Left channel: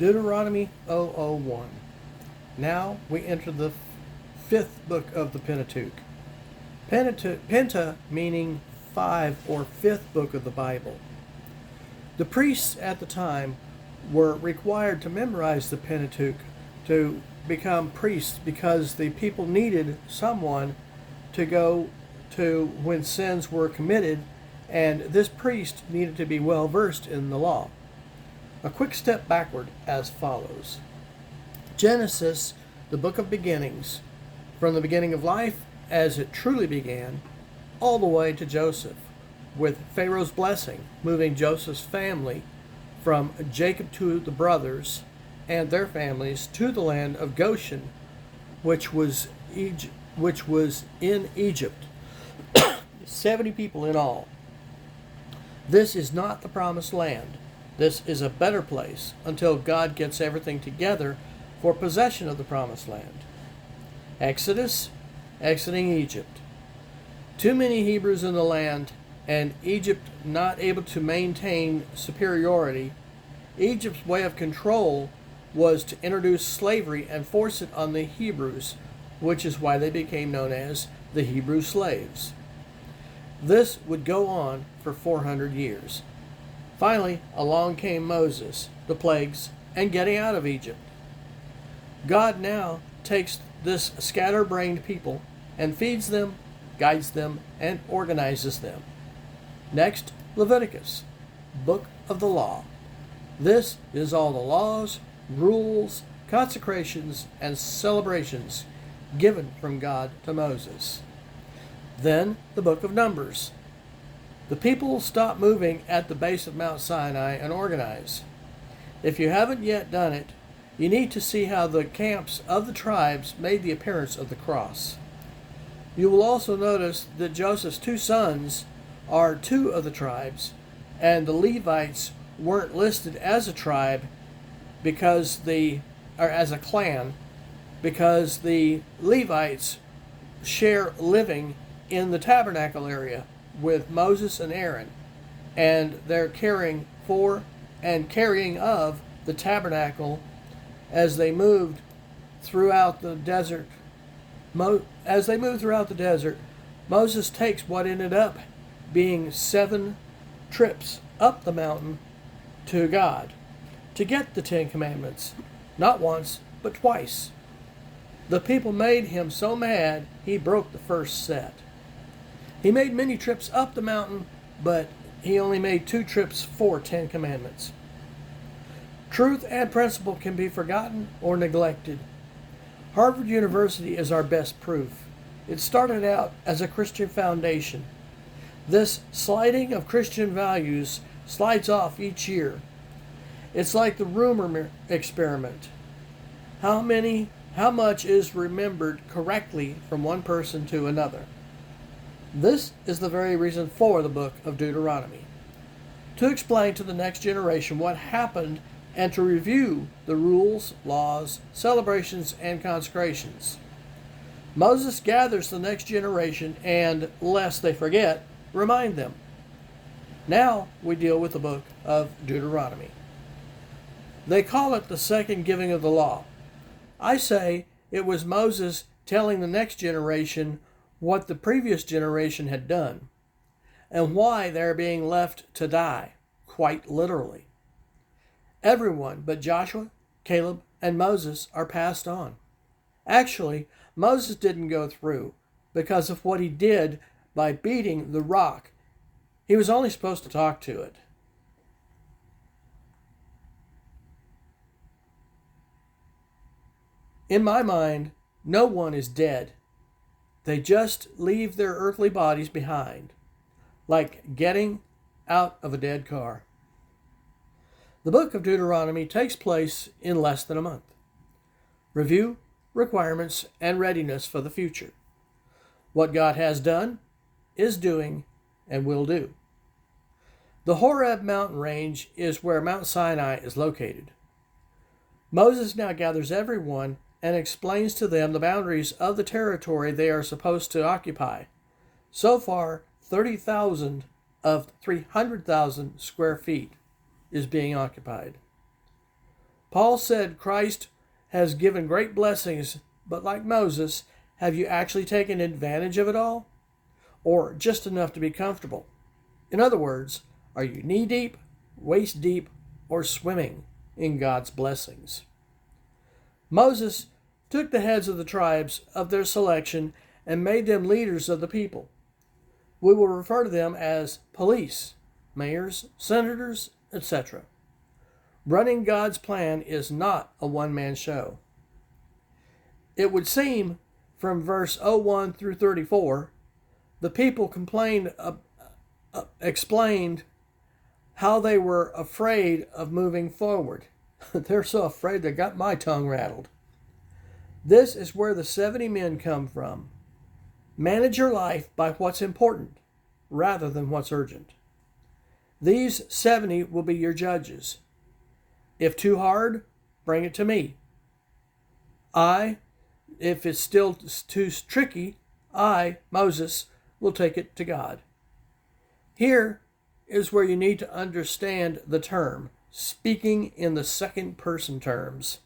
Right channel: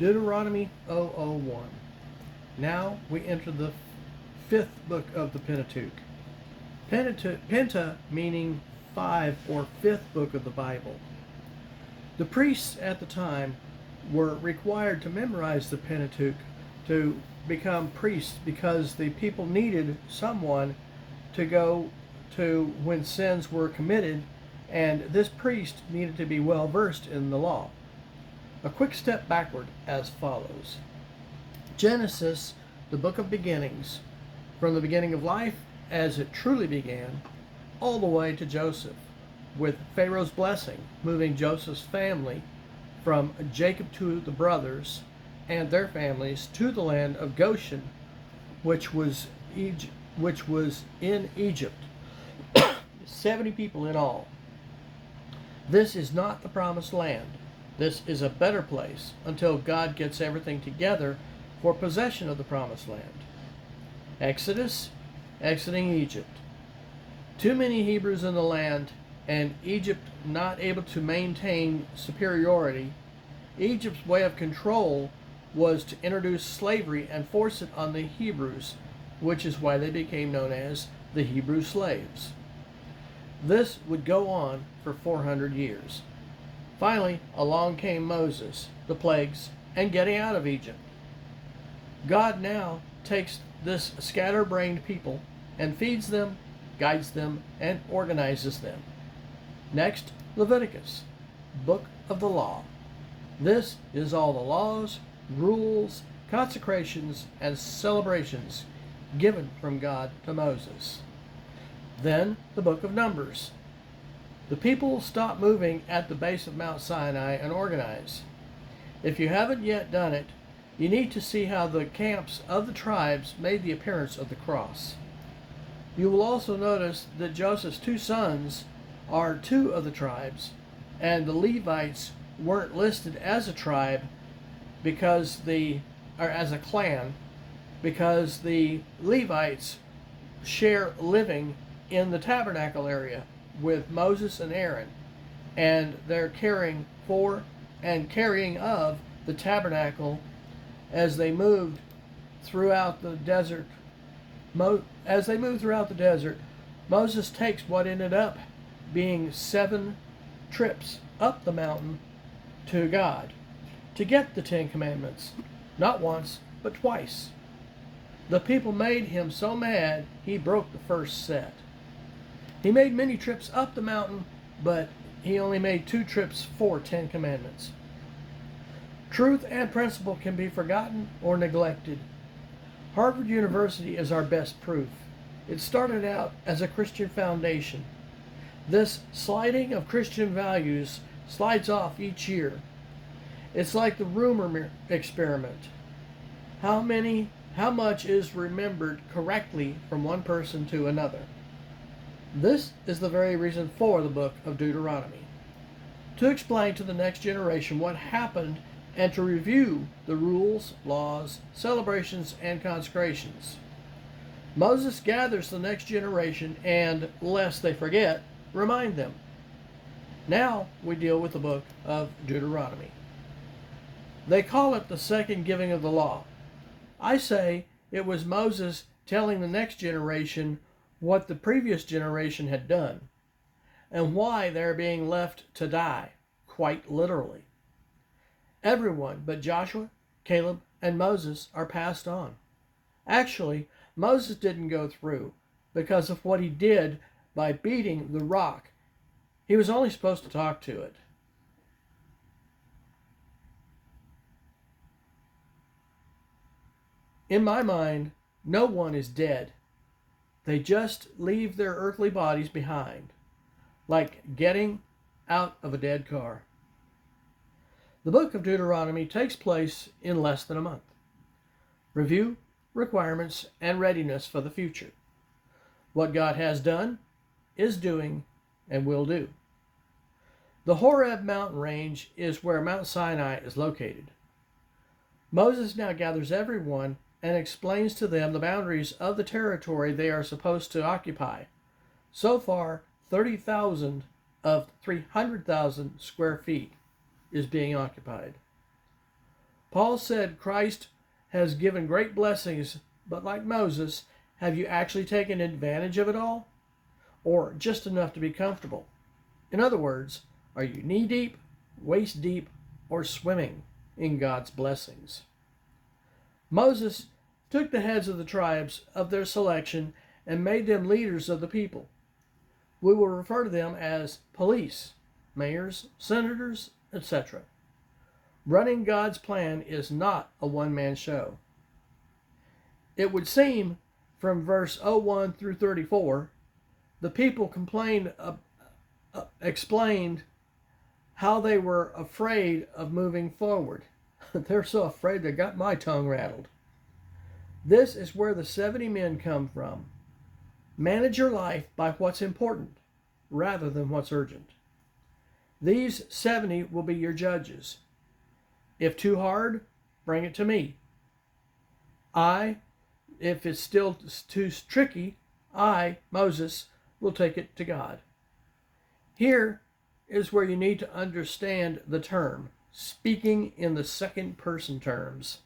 Deuteronomy 001. Now we enter the fifth book of the Pentateuch. Penta meaning five or fifth book of the Bible. The priests at the time were required to memorize the Pentateuch to become priests because the people needed someone to go to when sins were committed, and this priest needed to be well versed in the law. A quick step backward as follows. Genesis, the book of beginnings, from the beginning of life as it truly began, all the way to Joseph, with Pharaoh's blessing, moving Joseph's family from Jacob to the brothers and their families to the land of Goshen, which was in Egypt. 70 people in all. This is not the promised land. This is a better place until God gets everything together for possession of the promised land. Exodus, exiting Egypt. Too many Hebrews in the land, and Egypt not able to maintain superiority. Egypt's way of control was to introduce slavery and force it on the Hebrews, which is why they became known as the Hebrew slaves. This would go on for 400 years. Finally, along came Moses, the plagues, and getting out of Egypt. God now takes this scatterbrained people and feeds them, guides them, and organizes them. Next, Leviticus, book of the law. This is all the laws, rules, consecrations, and celebrations given from God to Moses. Then the book of Numbers. The people stop moving at the base of Mount Sinai and organize. If you haven't yet done it, you need to see how the camps of the tribes made the appearance of the cross. You will also notice that Joseph's two sons are two of the tribes, and the Levites weren't listed as a tribe as a clan, because the Levites share living in the tabernacle area with Moses and Aaron, and they're caring for and carrying of the tabernacle as they moved throughout the desert. Moses takes what ended up being 7 trips up the mountain to God to get the 10 Commandments, not once, but twice. The people made him so mad, he broke the first set. He made many trips up the mountain, but he only made 2 trips for 10 Commandments. Truth and principle can be forgotten or neglected. Harvard University is our best proof. It started out as a Christian foundation. This sliding of Christian values slides off each year. It's like the rumor experiment. How much is remembered correctly from one person to another? This is the very reason for the book of Deuteronomy. To explain to the next generation what happened and to review the rules, laws, celebrations, and consecrations. Moses gathers the next generation and, lest they forget, remind them. Now we deal with the book of Deuteronomy. They call it the second giving of the law. I say it was Moses telling the next generation what the previous generation had done, and why they're being left to die, quite literally. Everyone but Joshua, Caleb, and Moses are passed on. Actually, Moses didn't go through because of what he did by beating the rock. He was only supposed to talk to it. In my mind, no one is dead. They just leave their earthly bodies behind, like getting out of a dead car. The book of Deuteronomy takes place in less than a month. Review, requirements, and readiness for the future. What God has done, is doing, and will do. The Horeb mountain range is where Mount Sinai is located. Moses now gathers everyone and explains to them the boundaries of the territory they are supposed to occupy. So far, 30,000 of 300,000 square feet is being occupied. Paul said Christ has given great blessings, but like Moses, have you actually taken advantage of it all? Or just enough to be comfortable? In other words, are you knee deep, waist deep, or swimming in God's blessings? Moses took the heads of the tribes of their selection and made them leaders of the people. We will refer to them as police, mayors, senators, etc. Running God's plan is not a one-man show. It would seem from verse 01 through 34, the people explained how they were afraid of moving forward. They're so afraid they got my tongue rattled. This is where the 70 men come from. Manage your life by what's important rather than what's urgent. These 70 will be your judges. If too hard, bring it to me. If it's still too tricky, Moses, will take it to God. Here is where you need to understand the term, speaking in the second person terms.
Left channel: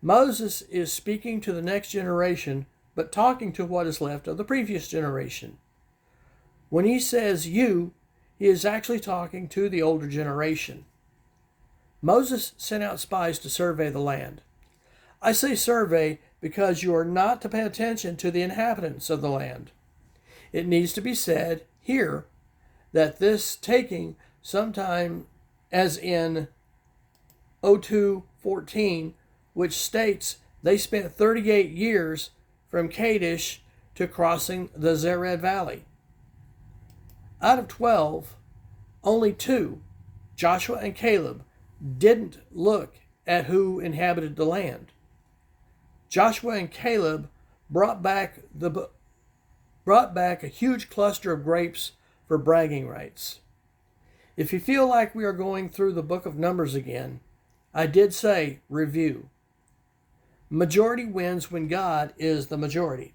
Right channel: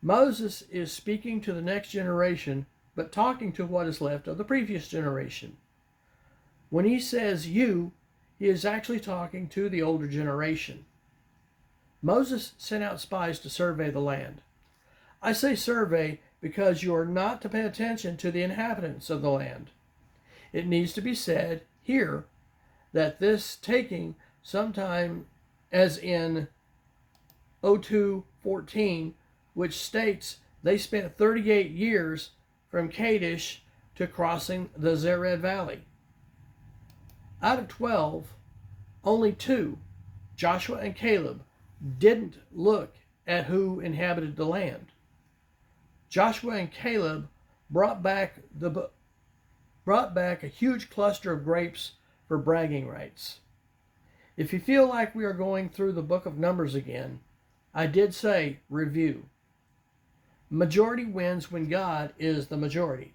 Moses is speaking to the next generation, but talking to what is left of the previous generation. When he says you, he is actually talking to the older generation. Moses sent out spies to survey the land. I say survey because you are not to pay attention to the inhabitants of the land. It needs to be said here that this taking sometime, as in 02:14, which states they spent 38 years from Kadesh to crossing the Zered Valley. Out of 12, only 2, Joshua and Caleb, didn't look at who inhabited the land. Joshua and Caleb brought back a huge cluster of grapes for bragging rights. If you feel like we are going through the book of Numbers again, I did say review. Majority wins when God is the majority.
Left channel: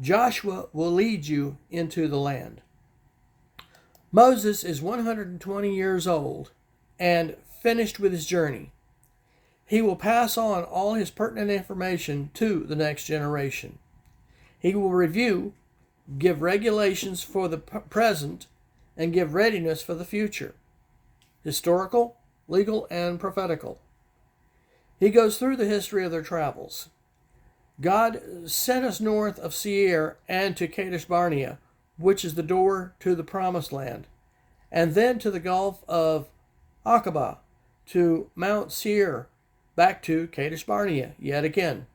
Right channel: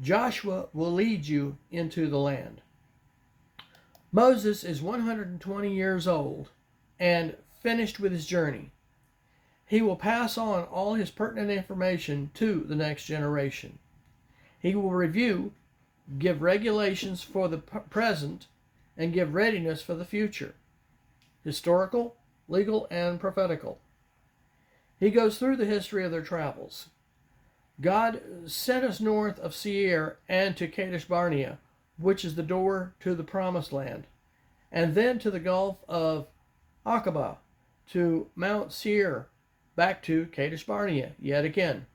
Joshua will lead you into the land. Moses is 120 years old and finished with his journey. He will pass on all his pertinent information to the next generation. He will review, give regulations for the present, and give readiness for the future, historical, legal, and prophetical. He goes through the history of their travels. God sent us north of Seir and to Kadesh Barnea, which is the door to the promised land, and then to the Gulf of Aqaba, to Mount Seir, back to Kadesh Barnea yet again.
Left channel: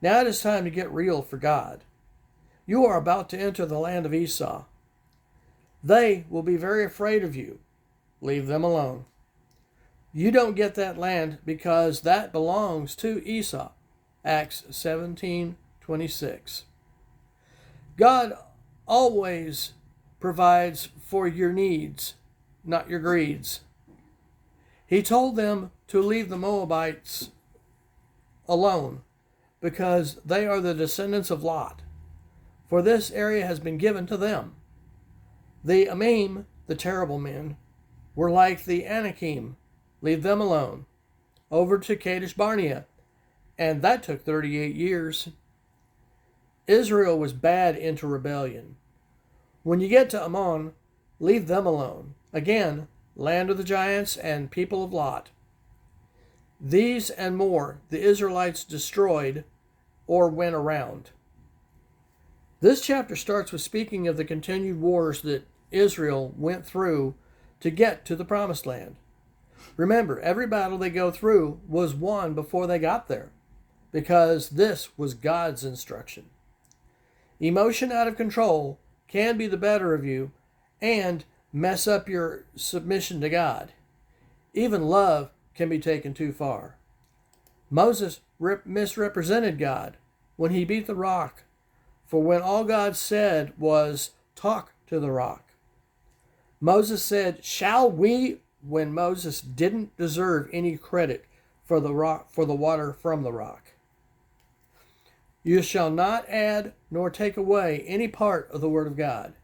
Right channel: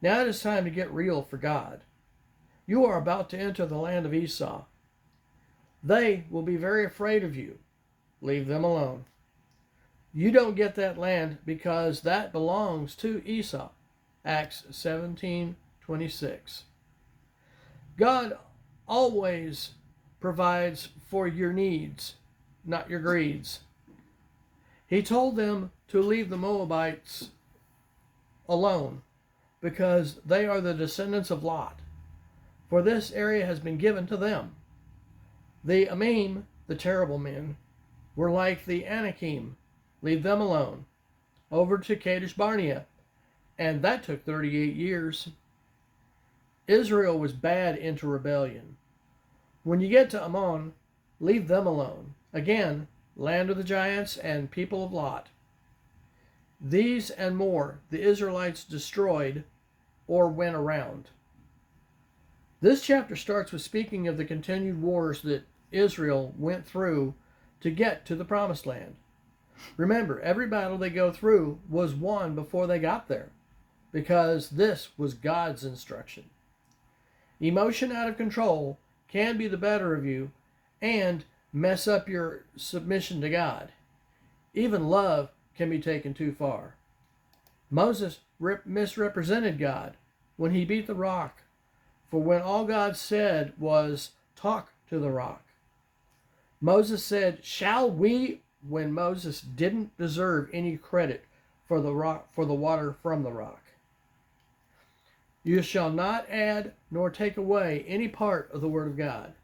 Now it is time to get real for God. You are about to enter the land of Esau. They will be very afraid of you. Leave them alone. You don't get that land because that belongs to Esau. Acts 17:26. God always provides for your needs, not your greeds. He told them to leave the Moabites alone because they are the descendants of Lot, for this area has been given to them. The Amim, the terrible men, were like the Anakim. Leave them alone. Over to Kadesh Barnea, and that took 38 years. Israel was bad into rebellion. When you get to Ammon, leave them alone. Again, land of the giants and people of Lot. These and more the Israelites destroyed or went around. This chapter starts with speaking of the continued wars that Israel went through to get to the promised land. Remember, every battle they go through was won before they got there, because this was God's instruction. Emotion out of control can be the better of you and mess up your submission to God. Even love can be taken too far. Moses misrepresented God when he beat the rock, for when all God said was, talk to the rock. Moses said, shall we, when Moses didn't deserve any credit for the water from the rock. You shall not add nor take away any part of the word of God.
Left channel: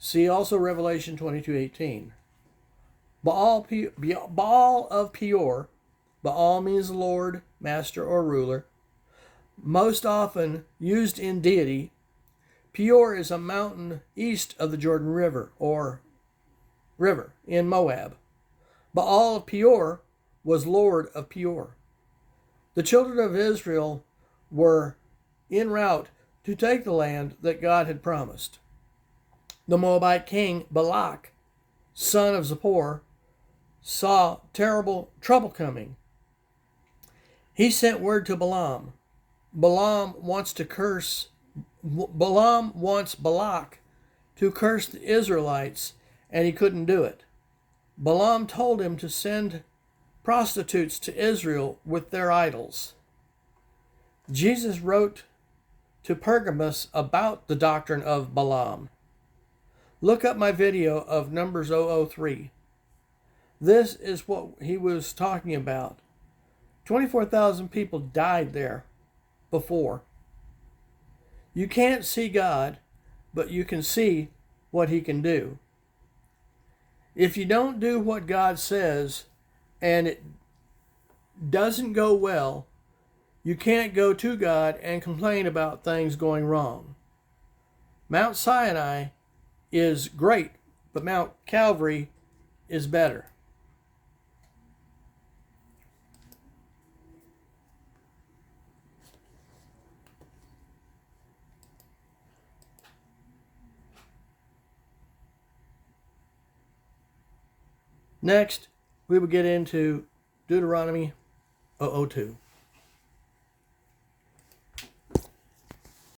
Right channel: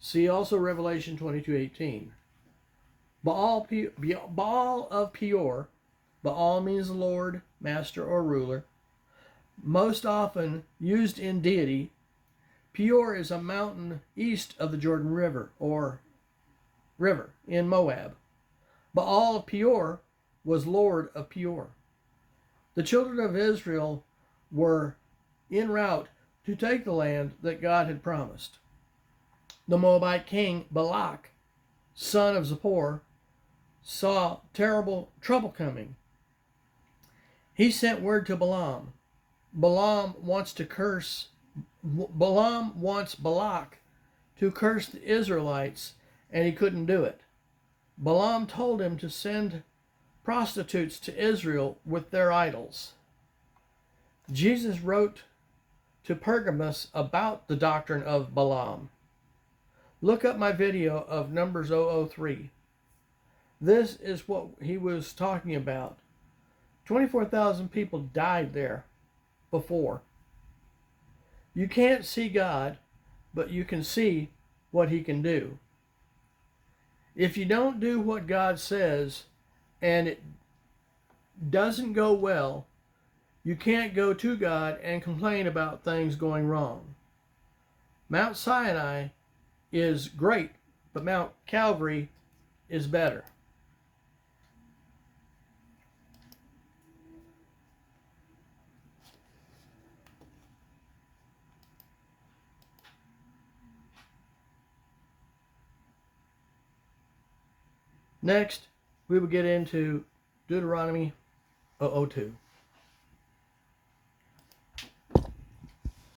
See also Revelation 22:18. Baal of Peor. Baal means Lord, Master, or Ruler. Most often used in deity. Peor is a mountain east of the Jordan River, or river, in Moab. Baal of Peor was Lord of Peor. The children of Israel were en route to take the land that God had promised. The Moabite king Balak, son of Zippor, saw terrible trouble coming. He sent word to Balaam. Balaam wants Balak to curse the Israelites, and he couldn't do it. Balaam told him to send prostitutes to Israel with their idols. Jesus wrote to Pergamos about the doctrine of Balaam. Look up my video of Numbers 003. This is what he was talking about. 24,000 people died there before. You can't see God, but you can see what he can do. If you don't do what God says and it doesn't go well, you can't go to God and complain about things going wrong. Mount Sinai is great, but Mount Calvary is better. Next, we will get into Deuteronomy 002.